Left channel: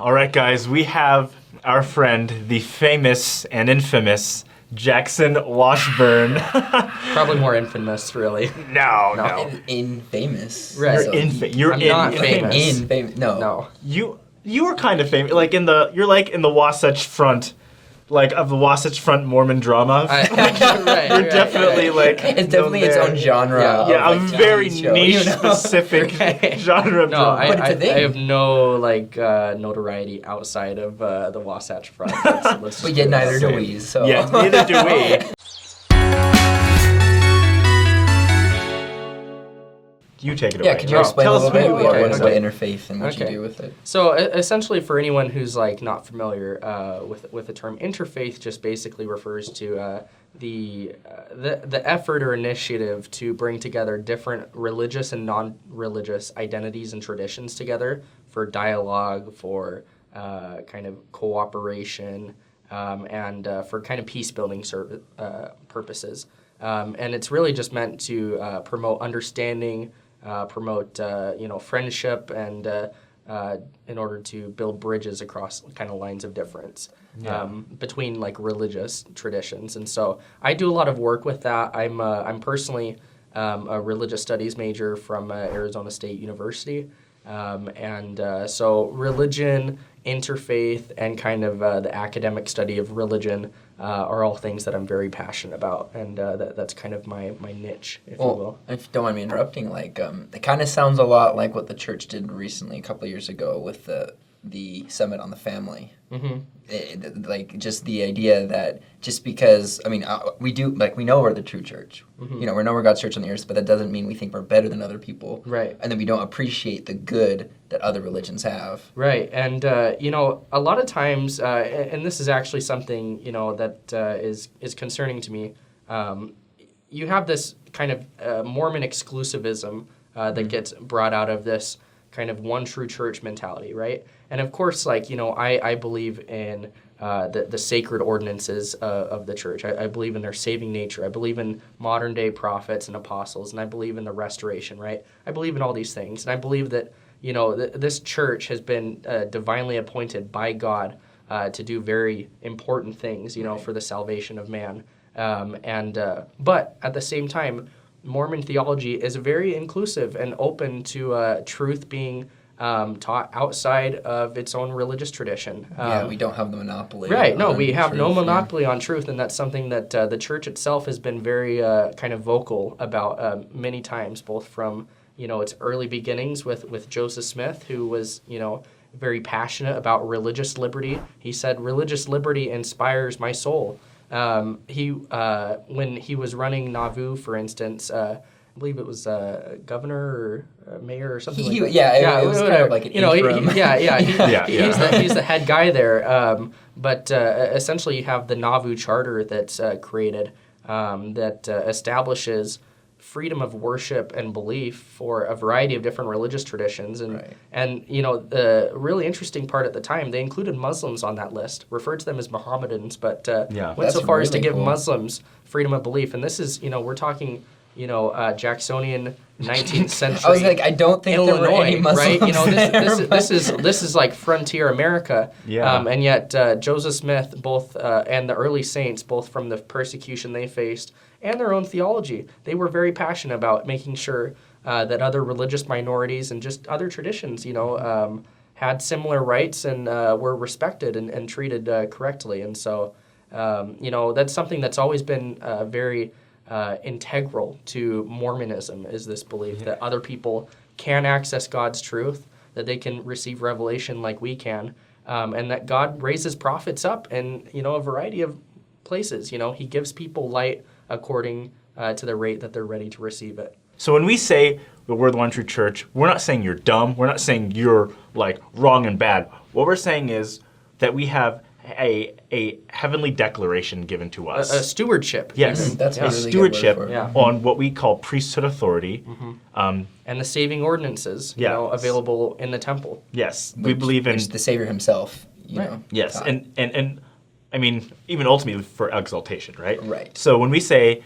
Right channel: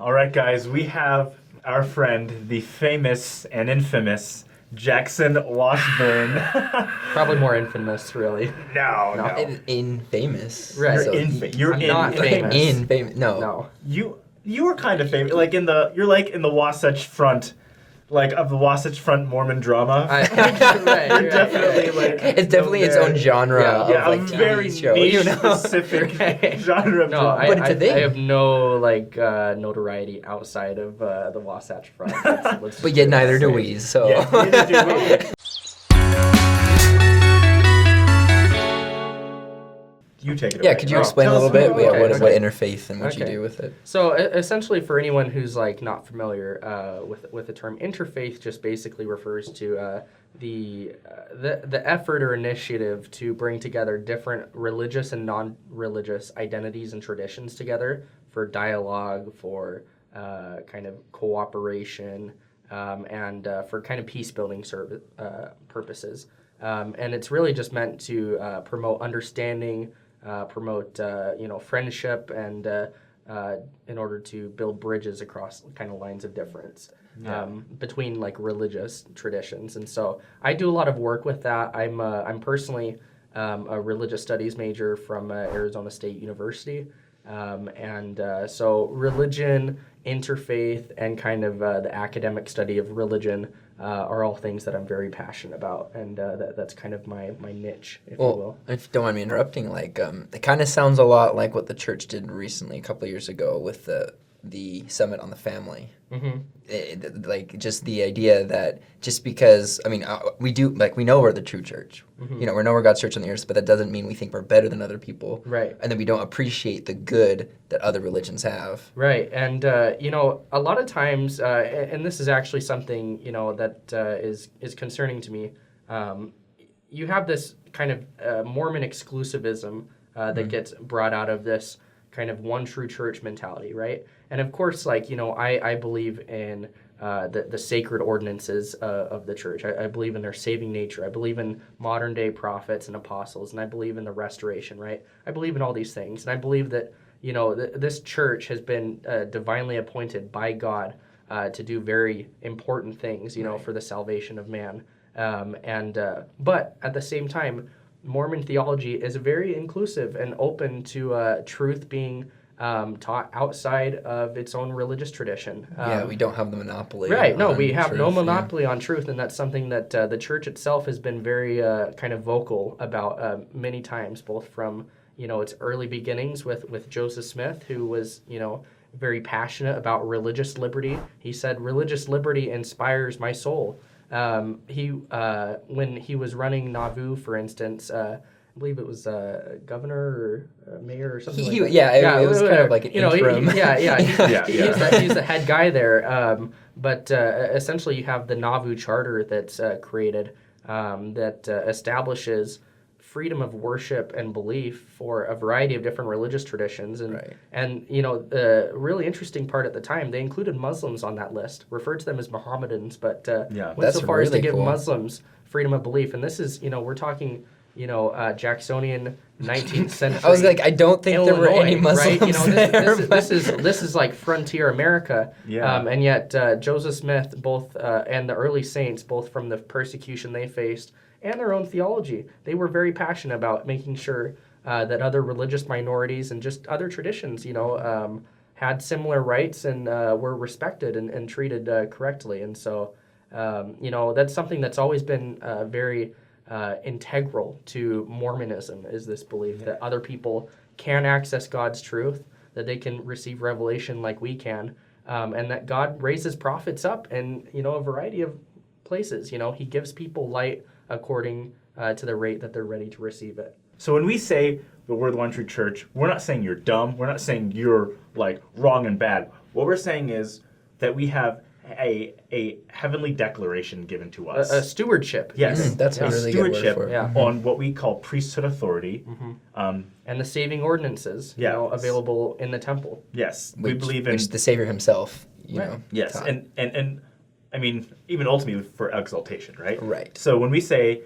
All right, guys, we have our friend, the famous and infamous Jaxon Washburn. Probably more infamous, really. No. Infamous. Right. You're I'm not famous. Infamous. No. You are kind of famous. You're like in the Wasatch Front, like of the Wasatch Front Mormon drama. You're definitely like. It's definitely its own genre. Yeah, of, a like, very TV show, niche, specific genre of drama. But it's a thing. I have no notoriety outside of the Wasatch Front. Let's But yet neither do we. So. Yeah, neither do we. You take it away. Yeah, could you explain a little bit what interfaith and what you Okay. do with it? So essentially, for anyone who's not familiar with the term interfaith, just basically refers to the effort or initiative to bring together different religious and non-religious identities and traditions together for dialogue, for kind of cooperation, and for kind of peace-building purposes. And it's really just meant to promote understanding, promote friendship, and in order to build bridges across kind of lines of difference between religious traditions. And so I do a lot of work with that. I'm personally a religious studies major from Arizona State University, and so religion, interfaith, and kind of the academic study of religion are all things that I'm very passionate about, and that's kind of my niche, if you will. If you don't mind me interrupting, it kind of sounds a lot like what the church did recently, a couple of years ago, with the Summit on the Family. Mm-hmm. Just the idea that just because, we know we're the true church. Mm-hmm. We know we're God's church on the earth, but that doesn't mean we think we're better than other people. Right. And then we don't appreciate the good that other religions have. Right. And, a lot of times, and this is actually something, that is concerning to me, you have this kind of Mormon exclusivism that gets brought out of this kind of one true church mentality, right? And of course, I believe in the sacred ordinances of the church. I believe in their saving nature. I believe in modern day prophets and apostles, and I believe in the restoration, right? I believe in all these things, and I believe that this church has been divinely appointed by God to do very important things, for the salvation of man. But at the same time, Mormon theology is very inclusive and open to truth being taught outside of its own religious tradition. We don't have the monopoly. Right, no, we have no monopoly on truth, and that's something that the church itself has been very kind of vocal about many times, both from its early beginnings with Joseph Smith, who was very passionate about religious liberty. He said, "Religious liberty inspires my soul." When he was running Nauvoo, for instance, I believe it was governor or mayor or something like that. Yeah, it was kind of like an interim. He's the head guy there. But essentially, you have the Nauvoo Charter that's created that establishes freedom of worship and belief for a variety of different religious traditions. And the really interesting part at the time, they included Muslims on that list, referred to them as Mohammedans, but went so far as to give Muslims freedom of belief. And this is, we're talking, Jacksonian 19th century. I was like, I don't think Illinois, there were any Muslims right? there. This is like frontier America. Yeah. And yet Joseph Smith, both and the early saints, both from the persecution they faced and their own theology, they were very passionate about making sure that other religious minorities and just other traditions, had similar rights and were respected and treated correctly. And so, that's something that's always been very integral to Mormonism, is this belief that other people can access God's truth, that they can receive revelation like we can, and that God raises prophets up in, a variety of places. He gives people light according to the rate that they're ready to receive it. So when we say that we're the one true church, we're not saying you're dumb. We're not saying you're wrong and bad. What we're saying is that we have a heavenly declaration given to us. A stewardship. Yes, that's a really stewardship good word on what we call priesthood authority. Mm-hmm. And the saving ordinances, available in the temple. Yes, we believe in the Savior himself. Yes, taught. and even ultimately for exaltation, right? Right. So when we say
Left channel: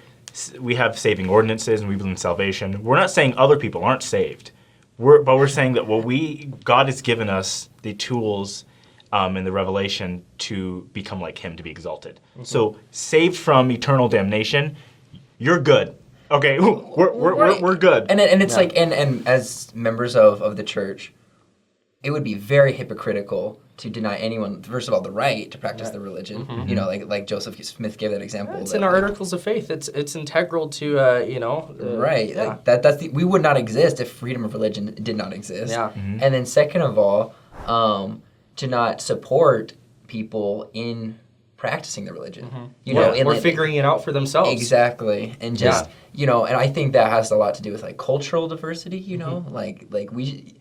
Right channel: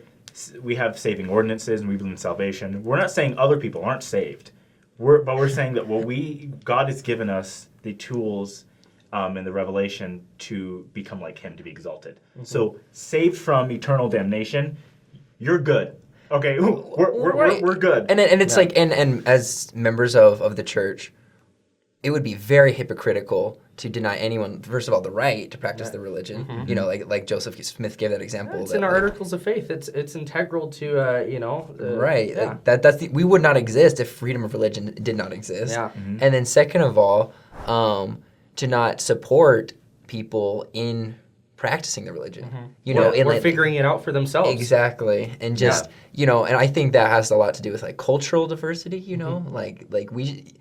we have saving ordinances and we believe in salvation, we're not saying other people aren't saved. We're saying that God has given us the tools in the Revelation to become like him, to be exalted. So saved from eternal damnation, you're good. Okay, we're good. And it's like, and as members of the church, it would be very hypocritical to deny anyone, first of all, the right to practice the religion. You know, like Joseph Smith gave that example. It's in our Articles of Faith. It's integral to right. Yeah. Like we would not exist if freedom of religion did not exist. Yeah. And then second of all, to not support people in practicing the religion. You know, or figuring it out for themselves. Exactly. And just you know, and I think that has a lot to do with like cultural diversity, you know? Like we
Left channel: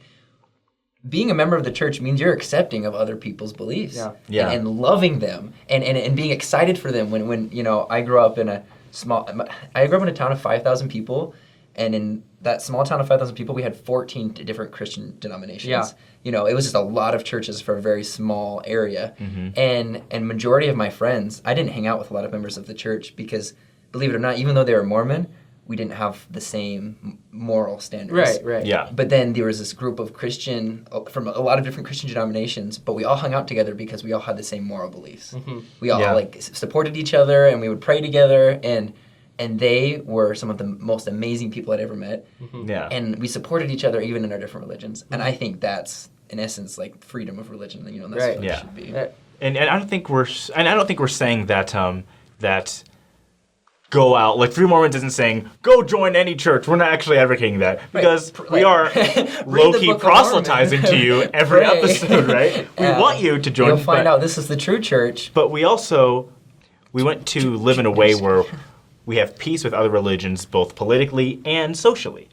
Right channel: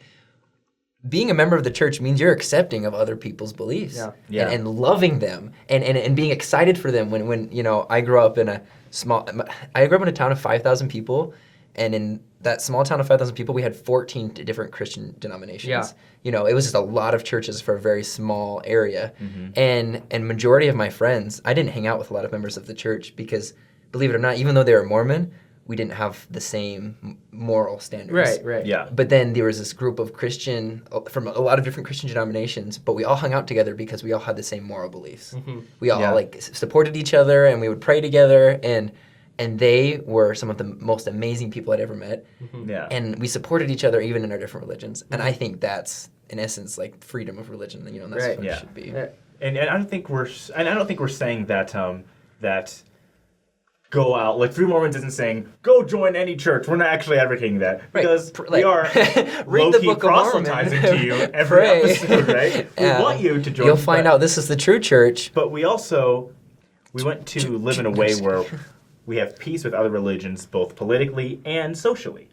being a member of the church means you're accepting of other people's beliefs. And loving them and being excited for them when you know, I grew up in a town of 5,000 people, and in that small town of 5,000 people we had 14 different Christian denominations. Yeah. You know, it was just a lot of churches for a very small area. And majority of my friends, I didn't hang out with a lot of members of the church because, believe it or not, even though they were Mormon, we didn't have the same moral standards. Right. Yeah. But then there was this group of from a lot of different Christian denominations, but we all hung out together because we all had the same moral beliefs. We all like supported each other, and we would pray together, and they were some of the most amazing people I'd ever met. Yeah. And we supported each other even in our different religions. And I think that's, in essence, like freedom of religion. You know, and that's what it should be. And I don't think we're saying that that go out, like Free Mormons isn't saying go join any church. We're not actually advocating that, because we are low-key proselytizing to you every episode, right? We want you to join. You'll find out this is the true church. But we want to live in a way where we have peace with other religions, both politically and socially.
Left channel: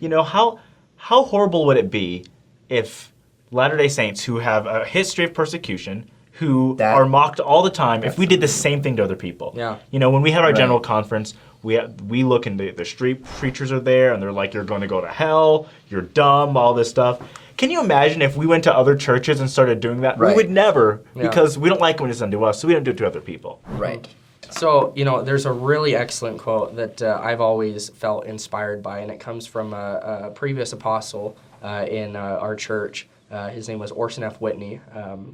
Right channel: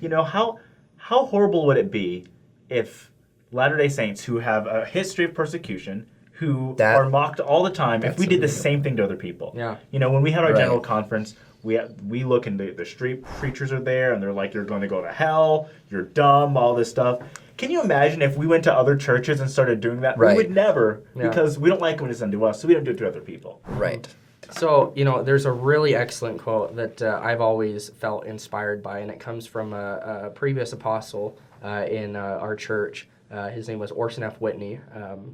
You know, how horrible would it be if Latter-day Saints, who have a history of persecution, who are mocked all the time, if we did the same thing to other people? You know, when we had our general conference, we look and the street preachers are there, and they're like, you're going to go to hell, you're dumb, all this stuff. Can you imagine if we went to other churches and started doing that? We would never, because we don't like it when it's done to us, so we don't do it to other people. Right. So, you know, there's a really excellent quote that I've always felt inspired by, and it comes from a previous apostle in our church. His name was Orson F Whitney.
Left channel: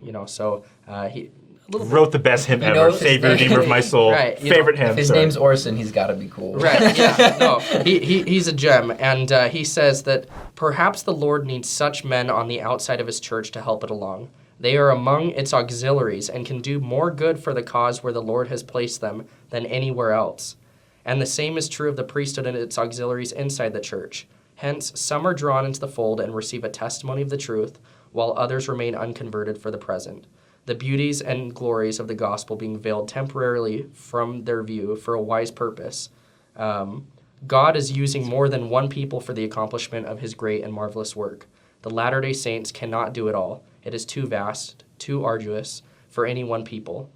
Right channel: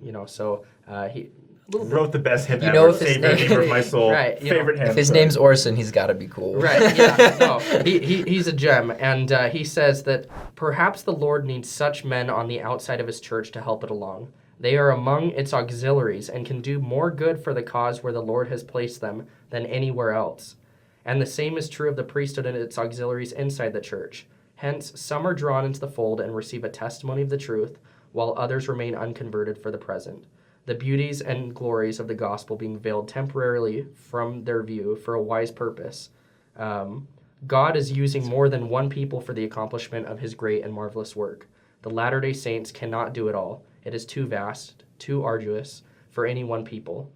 You know, so he wrote the best hymn ever. Savior, neighbor of my soul. Favorite hymn. If his name's Orson, he's got to be cool. Right. Yeah. No, he's a gem, and he says that perhaps the Lord needs such men on the outside of his church to help it along. They are among its auxiliaries and can do more good for the cause where the Lord has placed them than anywhere else. And the same is true of the priesthood and its auxiliaries inside the church. Hence, some are drawn into the fold and receive a testimony of the truth, while others remain unconverted for the present, the beauties and glories of the gospel being veiled temporarily from their view for a wise purpose. God is using more than one people for the accomplishment of his great and marvelous work. The Latter-day Saints cannot do it all. It is too vast, too arduous for any one people.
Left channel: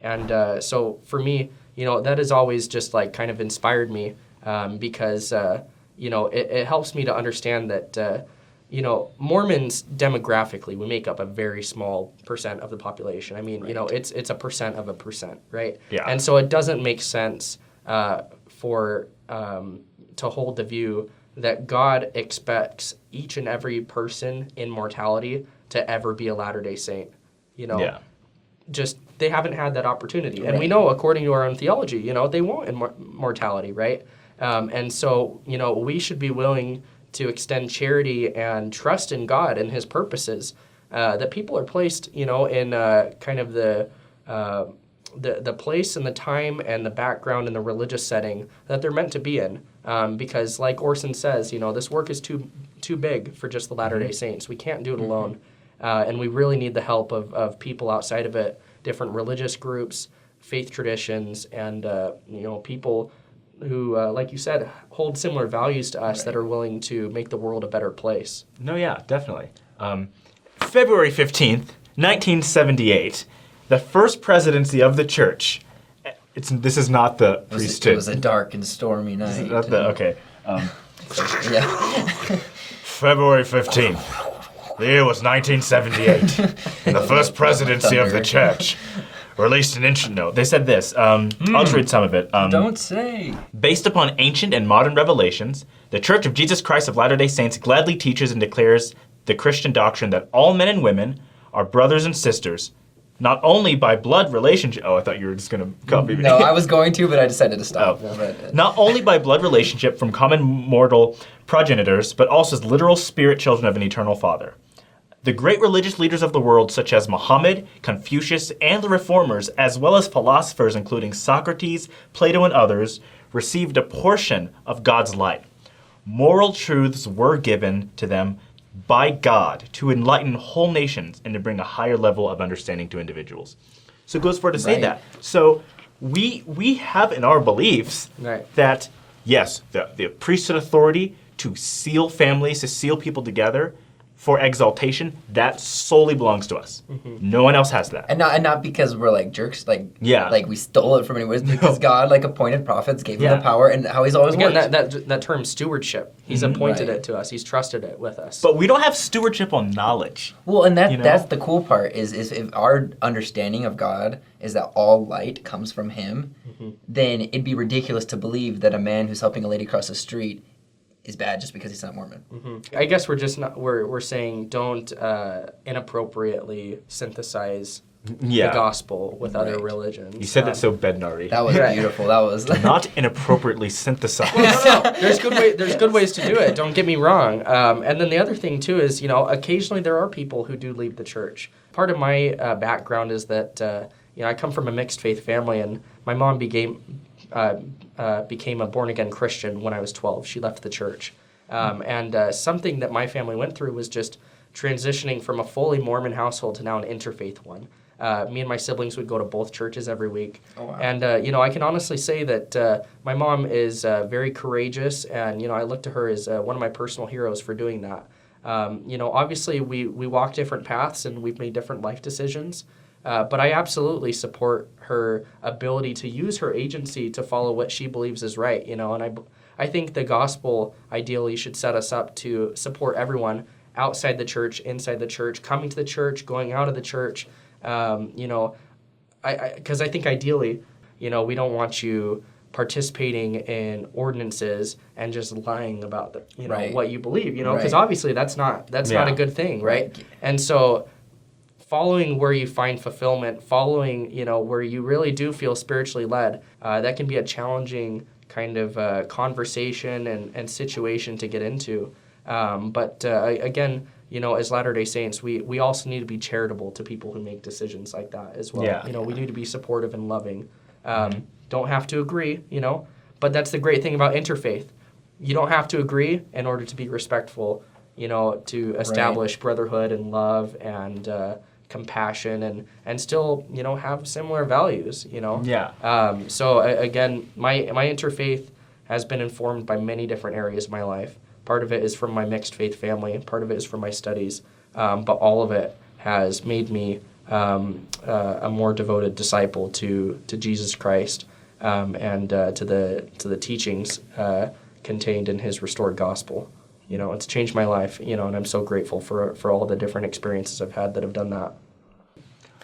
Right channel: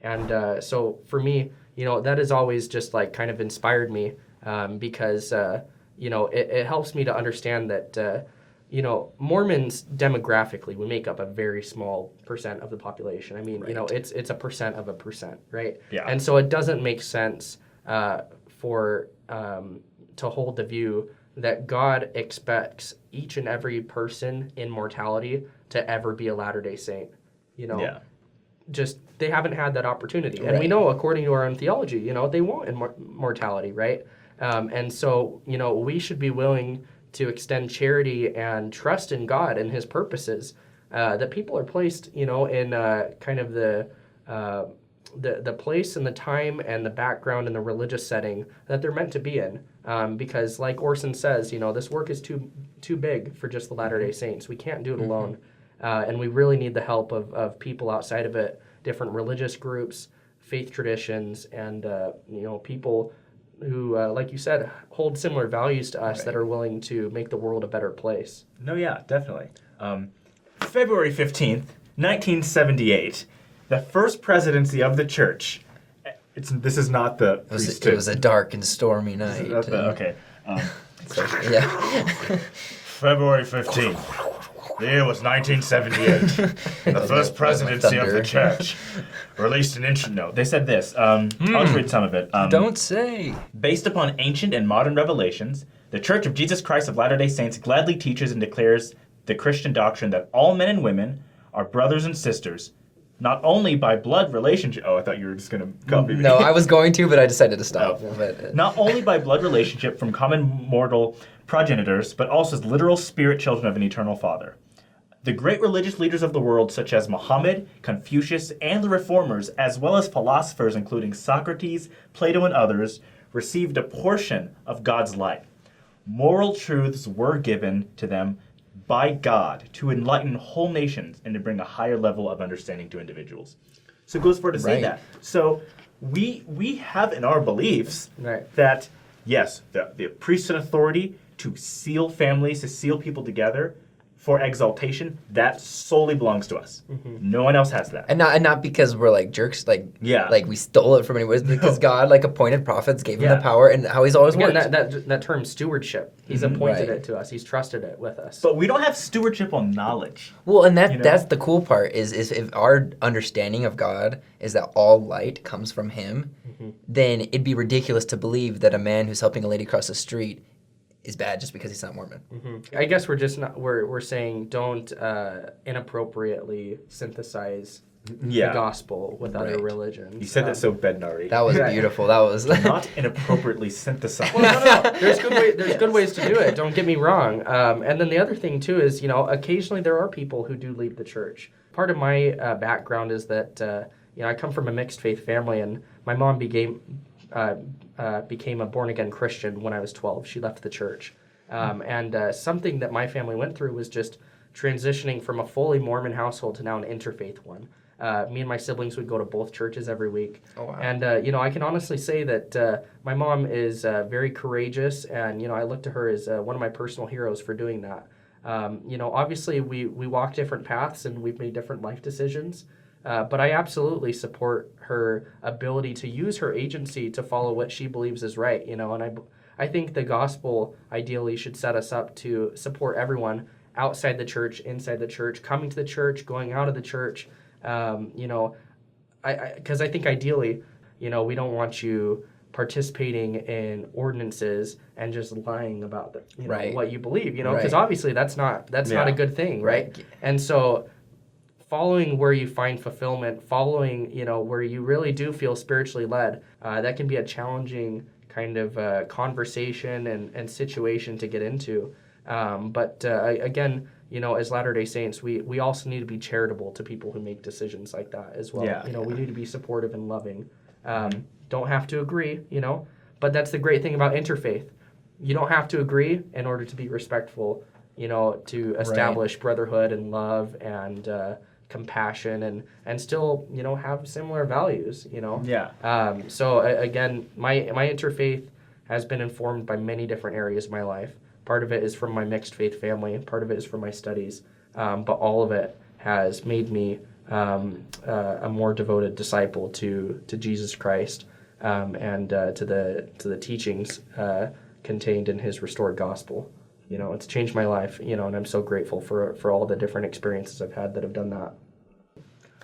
And so for me, you know, that has always just like kind of inspired me because, you know, it helps me to understand that, you know, Mormons demographically, we make up a very small percent of the population. I mean, you know, it's a percent of a percent, right? Yeah. And so it doesn't make sense for to hold the view that God expects each and every person in mortality to ever be a Latter-day Saint. You know, just they haven't had that opportunity. And we know, according to our own theology, you know, they won't in mortality, right? And so, you know, we should be willing to extend charity and trust in God and his purposes, that people are placed, you know, in kind of the place and the time and the background and the religious setting that they're meant to be in. Because like Orson says, you know, this work is too big for just the Latter-day Saints. We can't do it alone. And we really need the help of people outside of it, different religious groups, faith traditions, and, you know, people who, like you said, hold similar values to us that are willing to make the world a better place. No, yeah, definitely. February 15th, 1978, the First Presidency of the Church. This is not the priesthood. It was a dark and stormy night. Okay. February 15th. The year was 1978. And the First Presidency of the Church released an ancient note. They said this. I'll just read some of it. Don't say. Based upon ancient and modern revelations, the Church of Jesus Christ of Latter-day Saints gladly teaches and declares the Christian doctrine that all men and women are brothers and sisters, not only by blood relationship. Oh, I thought you were just going to copy me. No, I was going to, but I decided to stop. Not only by blood relationship from common mortal progenitors, but also as literal spirit children of an eternal Father. The great religious leaders of the world, such as Muhammad, Confucius, and the Reformers, as well as philosophers including Socrates, Plato, and others, received a portion of God's light. Moral truths were given to them by God to enlighten whole nations and to bring a higher level of understanding to individuals. So it goes further to say that. So we have in our beliefs that, yes, the priesthood authority to seal families, to seal people together for exaltation, that solely belongs to us. No one else has that. And not because we're like jerks, like we stole it from anyone. No. Because God like appointed prophets, gave them the power, and how He's always worked. That term stewardship, He's appointed it to us. He's trusted it with us. But we don't have stewardship on knowledge. Well, and that's the cool part is if our understanding of God is that all light comes from Him, then it'd be ridiculous to believe that a man who's helping a lady cross the street is bad just because he's not Mormon. I guess we're just not. We're saying don't inappropriately synthesize the gospel with other religions. You said that so Bednari. That was beautiful. That was not inappropriately synthesized. No. There's good ways to do it. Don't get me wrong. And then the other thing too is, occasionally there are people who do leave the church. Part of my background is that I come from a mixed faith family, and my mom became a born-again Christian when I was 12. She left the church. And something that my family went through was just transitioning from a fully Mormon household to now an interfaith one. Me and my siblings would go to both churches every week. Oh, wow. And, I can honestly say that my mom is very courageous, and, I look to her as one of my personal heroes for doing that. Obviously we walk different paths and we've made different life decisions. But I absolutely support her ability to use her agency to follow what she believes is right, and I think the gospel ideally should set us up to support everyone outside the church, inside the church, coming to the church, going out of the church, because I think ideally, we don't want you participating in ordinances and just lying about what you believe, because obviously that's not a good thing, right? And so following where you find fulfillment, following, where you really do feel spiritually led, that can be a challenging kind of conversation and situation to get into. But again, as Latter-day Saints, we also need to be charitable to people who make decisions like that as well. Yeah. We need to be supportive and loving. Don't have to agree, but that's the great thing about interfaith. You don't have to agree in order to be respectful, to establish brotherhood and love and compassion and still have similar values. So again, my interfaith has been informed by many different areas of my life. Part of it is from my mixed faith family, part of it is from my studies, but all of it has made me a more devoted disciple to Jesus Christ and to the teachings contained in His restored gospel. It's changed my life, and I'm so grateful for all the different experiences I've had that have done that.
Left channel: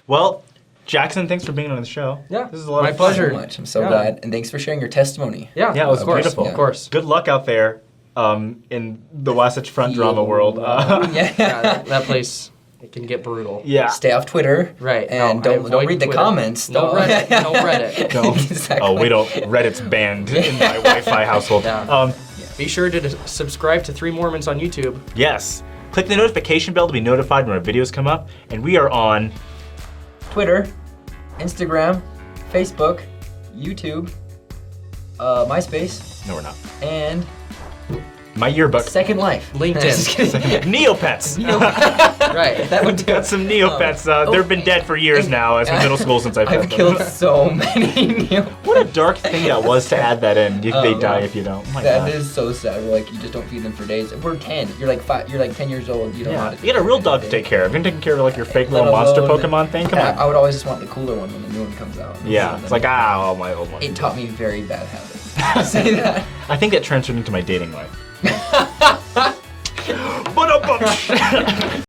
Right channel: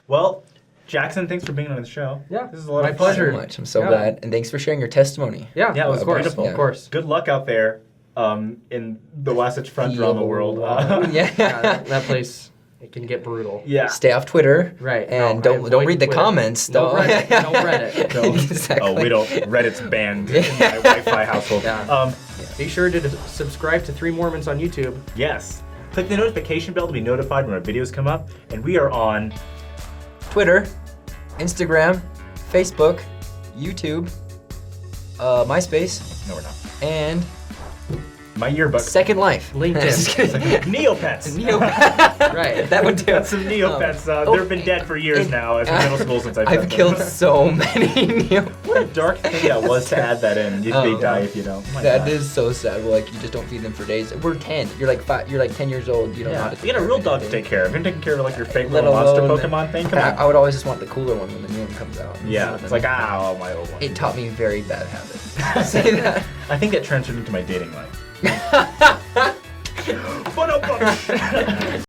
Well, Jaxon, thanks for being on the show. Yeah, this is a lot of pleasure. fun. I'm so glad, and thanks for sharing your testimony. Yeah, it was beautiful. Of course. Good luck out there in the Wasatch Front drama world. That place, it can get brutal. Yeah. Stay off Twitter. Right. And don't read the comments. No Reddit. No Reddit. Exactly. Oh, we don't. Reddit's banned in my Wi-Fi household. Yeah. Be sure to subscribe to 3 Mormons on YouTube. Yes. Click the notification bell to be notified when our videos come up. And we are on Twitter, Instagram, Facebook, YouTube, MySpace. No, we're not. And my yearbook. Second Life. LinkedIn. Neopets. Right. That one too. Got some Neopets. They've been dead for years now. As from middle school since I've I've killed so many Neopets. What a dark thing that was to add that in. They die if you don't. Oh my That God. is so sad. Like you just don't feed them for days. We're 10. You're like 5. You're like 10 years old. You don't know how to. You got a real dog to take care of. You're taking care of like your fake little monster Pokemon thing. Come on. I would always just want the cooler one when the new one comes out. Yeah. It's like my old one. It taught me very bad habits. See that? I think that transferred into my dating life.